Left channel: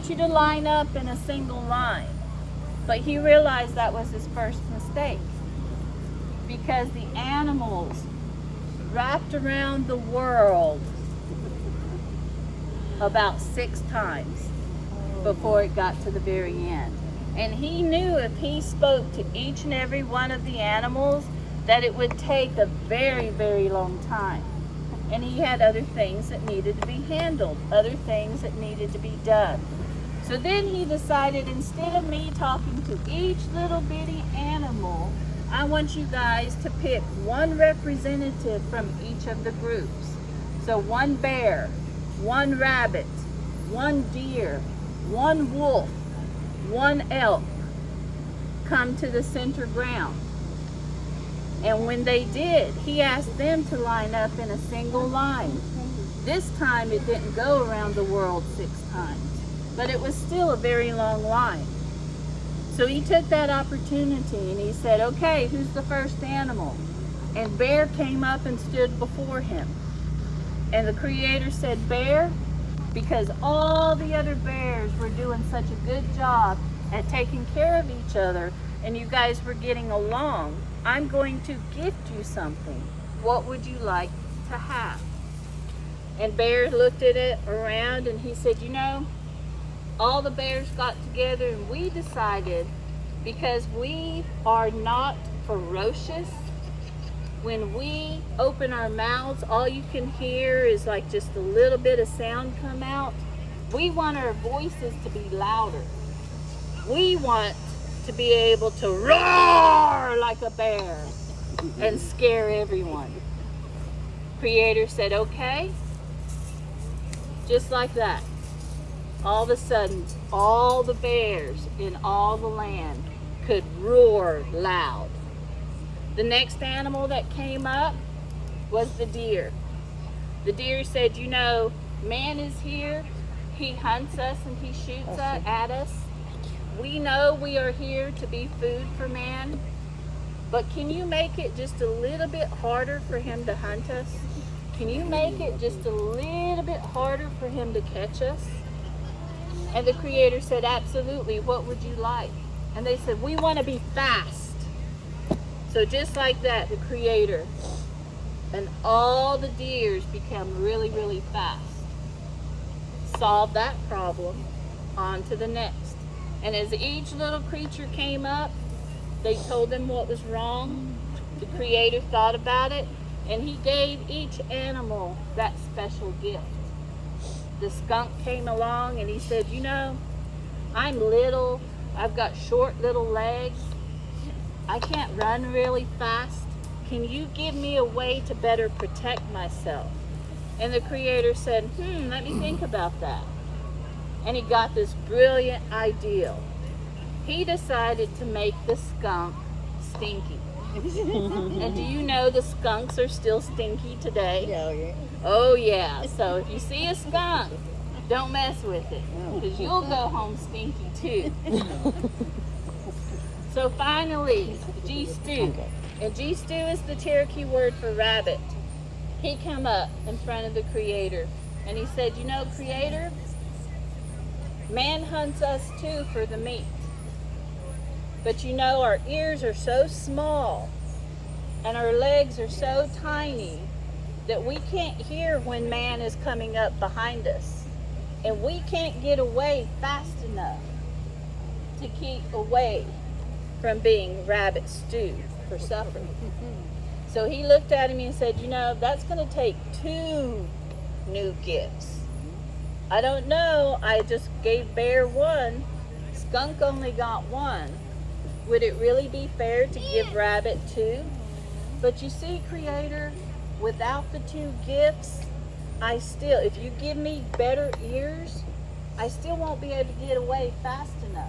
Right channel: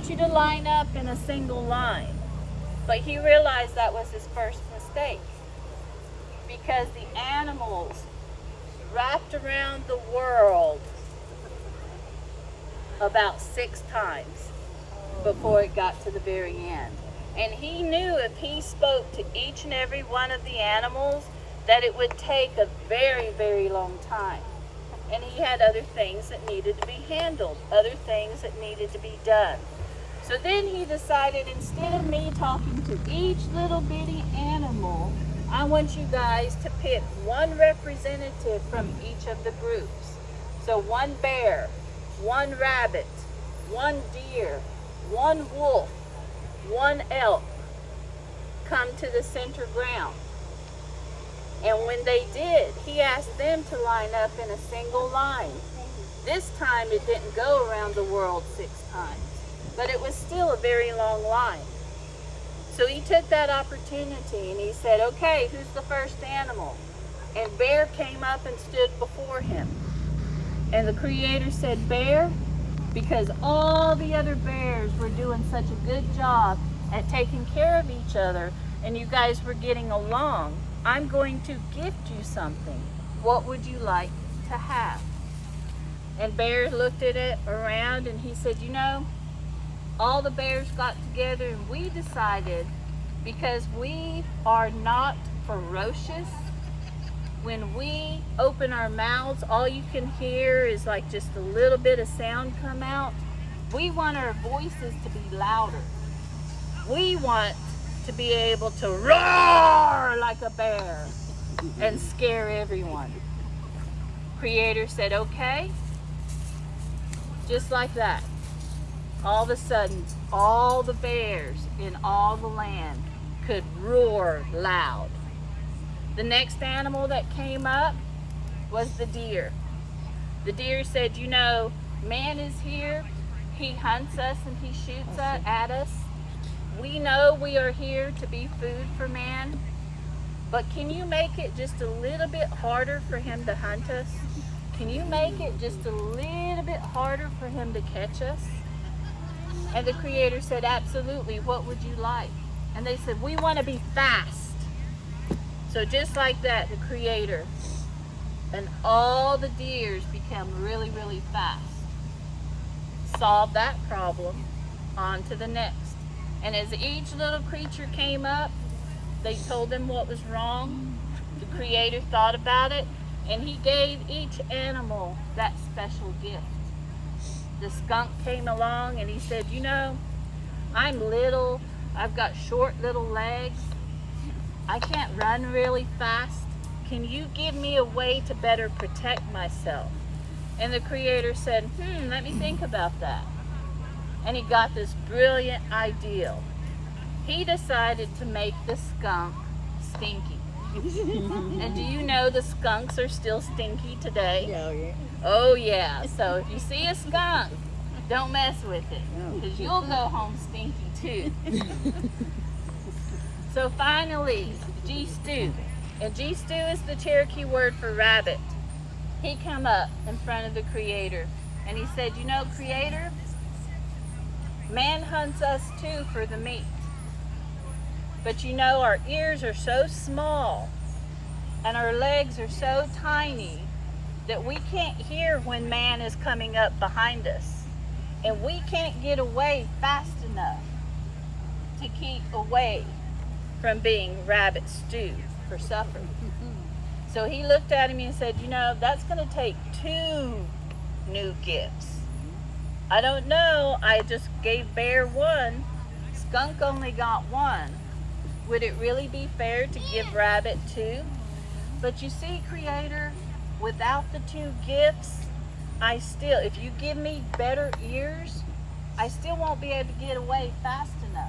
want you to line up in a single line. But he realized that was his first mistake, because the animals wrapped around the world about 6 times before it got to the very end. And he knew if he spoke to each and every one of the animals that it would take a very, very long time. And he had other things that needed to be handled, other things that needed to be done. So then he decided, instead of me talking to each little bitty animal, I want you guys to pick one representative from each of the groups. So one bear, one rabbit, one deer, one wolf, one elk come to the center ground. And when they did, he asked them to line up in a single line. This time it didn't go around the world 6 times, but it was still a very long line. So he took that opportunity and he said, okay, who's the first animal? And bear came up and stood before him. And the Creator said, bear, because all the other bears were doing such a good job at taking care of each other and you guys were getting along, I'm going to gift you something. What would you like to have? And bear looked at it around and he said, you know, all the bears got together and we decided, because we are not ferocious, when we open our mouths, all you can hear is like just a little bit of sound come out. We want our voices to be louder. We want to be able to roar like a bear and scare everyone. Creator said, okay. Just like that. All of a sudden, all the bears in all the land could roar loud. The next animal that came up was the deer. The deer said, you know, man is here. He hunts us and he shoots at us. We know we are here to be food for man, but can you make it just a little bit harder for him to hunt us? Can you make it just a little bit harder for him to catch us? And the Creator said, absolutely, what would you like? And they said, we want to be fast. So just like that, the Creator and all the deers become really, really fast. Solve that problem, on to the next. And as each little creature came up, they told them what was wrong. The Creator thought about it, and he gave each animal that special gift. The skunk came along and he said, you know, I'm little, I've got short little legs, I can't run really fast. Can you give me a way to better protect myself? And the Creator said, let me think about that. And he got this brilliant idea. He decided to make the skunk stinky. And do you know the skunks are still stinky today? Oh, yeah. Oh, yeah. So if you see a skunk, don't mess with it, because you'll go home stinky too. So finally, G-Stew. And G-Stew is the Cherokee word for rabbit. He come up in front of the Creator and he said, you know, Creator, man hunts us too for the meat. But you know, our ears are so small and our legs are so tiny that we can't hear when man is coming up behind us. And we can't get away fast enough to keep away from being rabbit stew for supper. So he looked at him and said, you know, that's going to take 2 new gifts. I don't know, I just gave bear 1. Skunk only got 1. Would it really be fair to give rabbit 2? But you see, Creator, without the 2 gifts, if you give me better ears, I still won't be able to get away fast enough.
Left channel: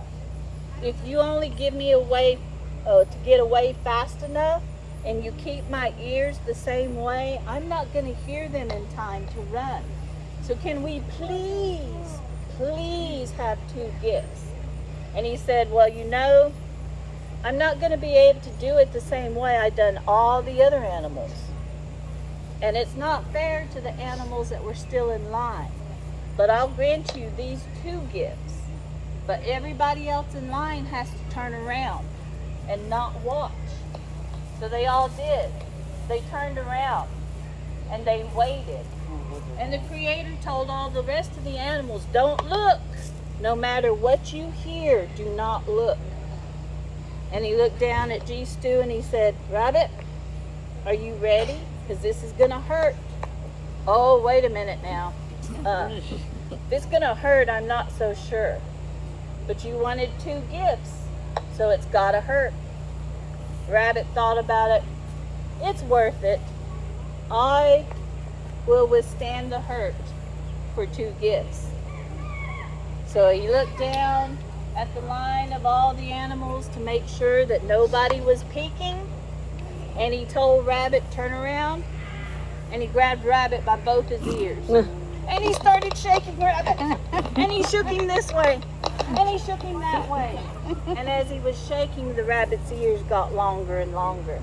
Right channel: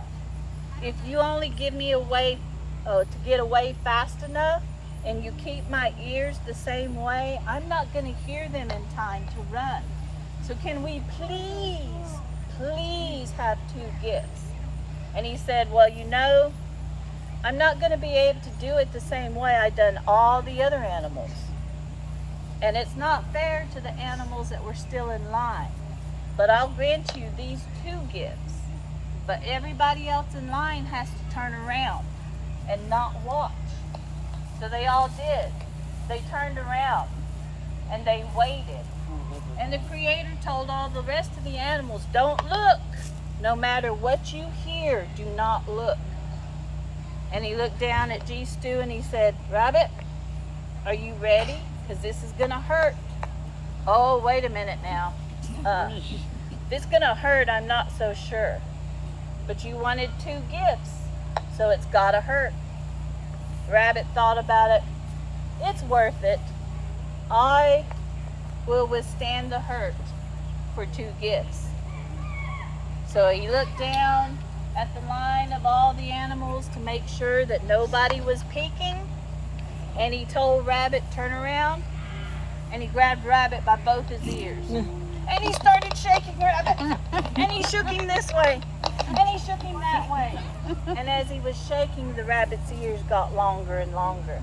If you only give me a way to get away fast enough, and you keep my ears the same way, I'm not going to hear them in time to run. So can we please have 2 gifts? And he said, well, you know, I'm not going to be able to do it the same way I've done all the other animals. And it's not fair to the animals that were still in line. But I'll grant you these 2 gifts. But everybody else in line has to turn around and not watch. So they all did. They turned around and they waited. And the Creator told all the rest of the animals, don't look. No matter what you hear, do not look. And he looked down at G. Stu and he said, Rabbit, are you ready? Because this is going to hurt. Oh, wait a minute now. If it's going to hurt, I'm not so sure. But you wanted 2 gifts, so it's got to hurt. Rabbit thought about it. It's worth it. I will withstand the hurt for 2 gifts. So he looked down at the line of all the animals to make sure that nobody was peeking. And he told Rabbit, turn around. And he grabbed Rabbit by both his ears. And he started shaking Rabbit. And he shook him this way. And he shook him that way. And as he was shaking, the Rabbit's ears got longer and longer.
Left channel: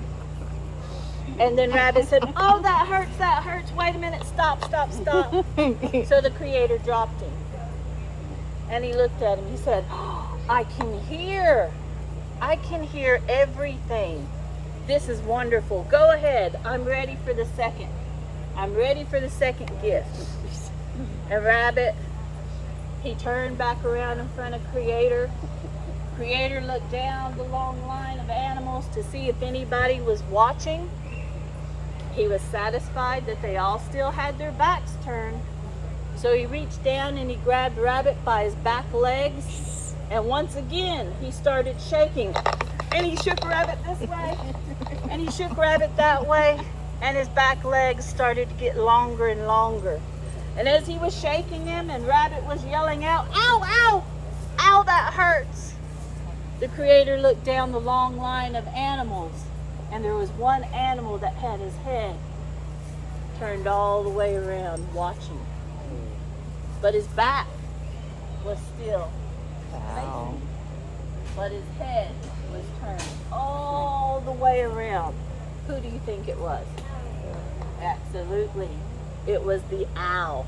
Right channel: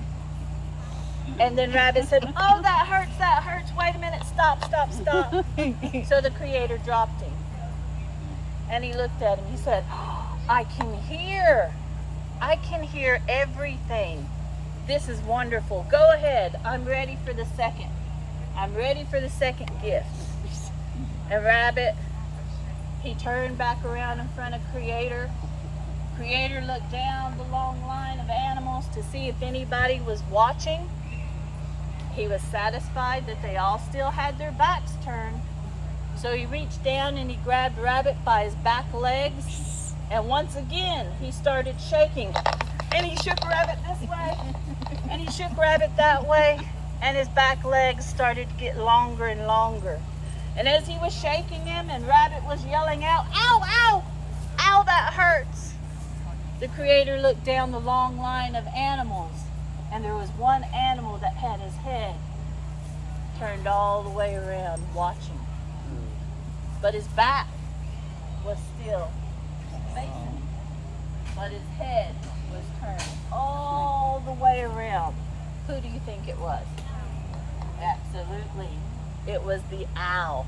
And then Rabbit said, oh, that hurts. Wait a minute, stop. So the Creator dropped him. And he looked at him. He said, I can hear everything. This is wonderful. Go ahead. I'm ready for the second. I'm ready for the second gift. And Rabbit, he turned back around in front of Creator. Creator looked down the long line of animals to see if anybody was watching. He was satisfied that they all still had their backs turned. So he reached down and he grabbed Rabbit by his back legs. And once again, he started shaking. And he shook Rabbit this way. And he shook Rabbit that way. And his back legs started to get longer and longer. And as he was shaking him and Rabbit was yelling out, ow, ow, ow, that hurts. The Creator looked down the long line of animals. And there was one animal that had his head turned all the way around watching. But his back was still facing. But his head was turned all the way around. Who do you think it was? Absolutely. It was the owl.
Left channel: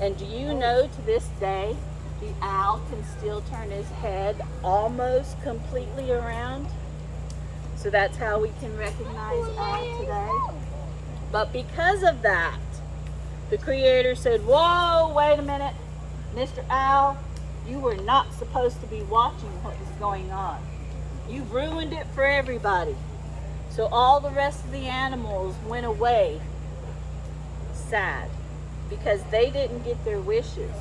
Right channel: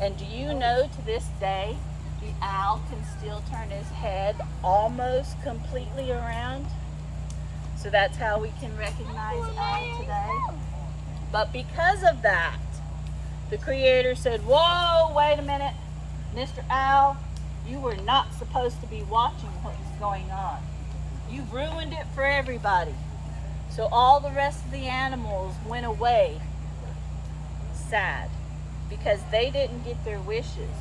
And do you know to this day, the owl can still turn his head almost completely around? So that's how we can recognize owl today. But because of that, the Creator said, whoa, wait a minute. Mr. Owl, you were not supposed to be watching what was going on. You've ruined it for everybody. So all the rest of the animals went away sad because they didn't get their wishes.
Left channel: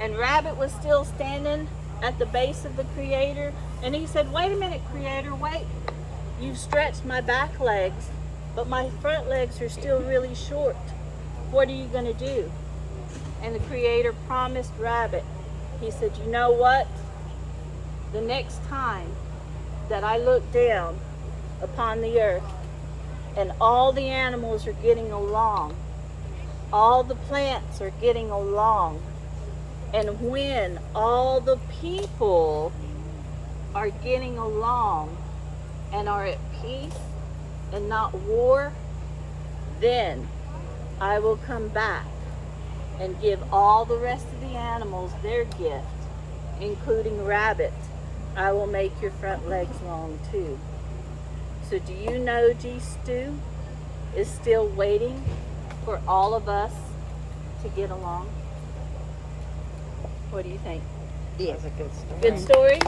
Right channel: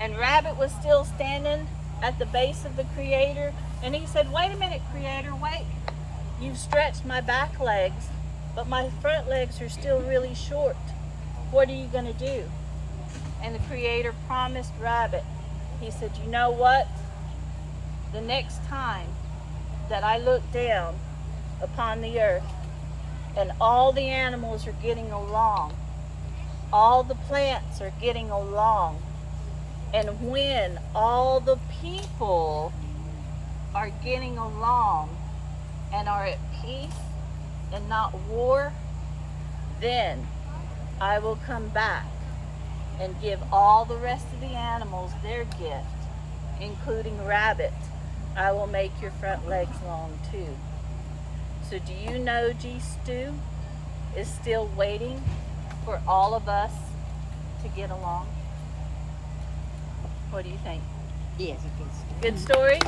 And Rabbit was still standing at the base of the Creator. And he said, wait a minute, Creator, wait. You've stretched my back legs, but my front legs are still really short. What are you going to do? And the Creator promised Rabbit. He said, you know what? The next time that I look down upon the earth and all the animals are getting along, all the plants are getting along, and when all the people are getting along and are at peace and not war, then I will come back and give all the rest of the animals their gift, including Rabbit. I will make your front legs long too. So do you know G. Stu is still waiting for all of us to get along? What do you think? Yes, a good story. Good story?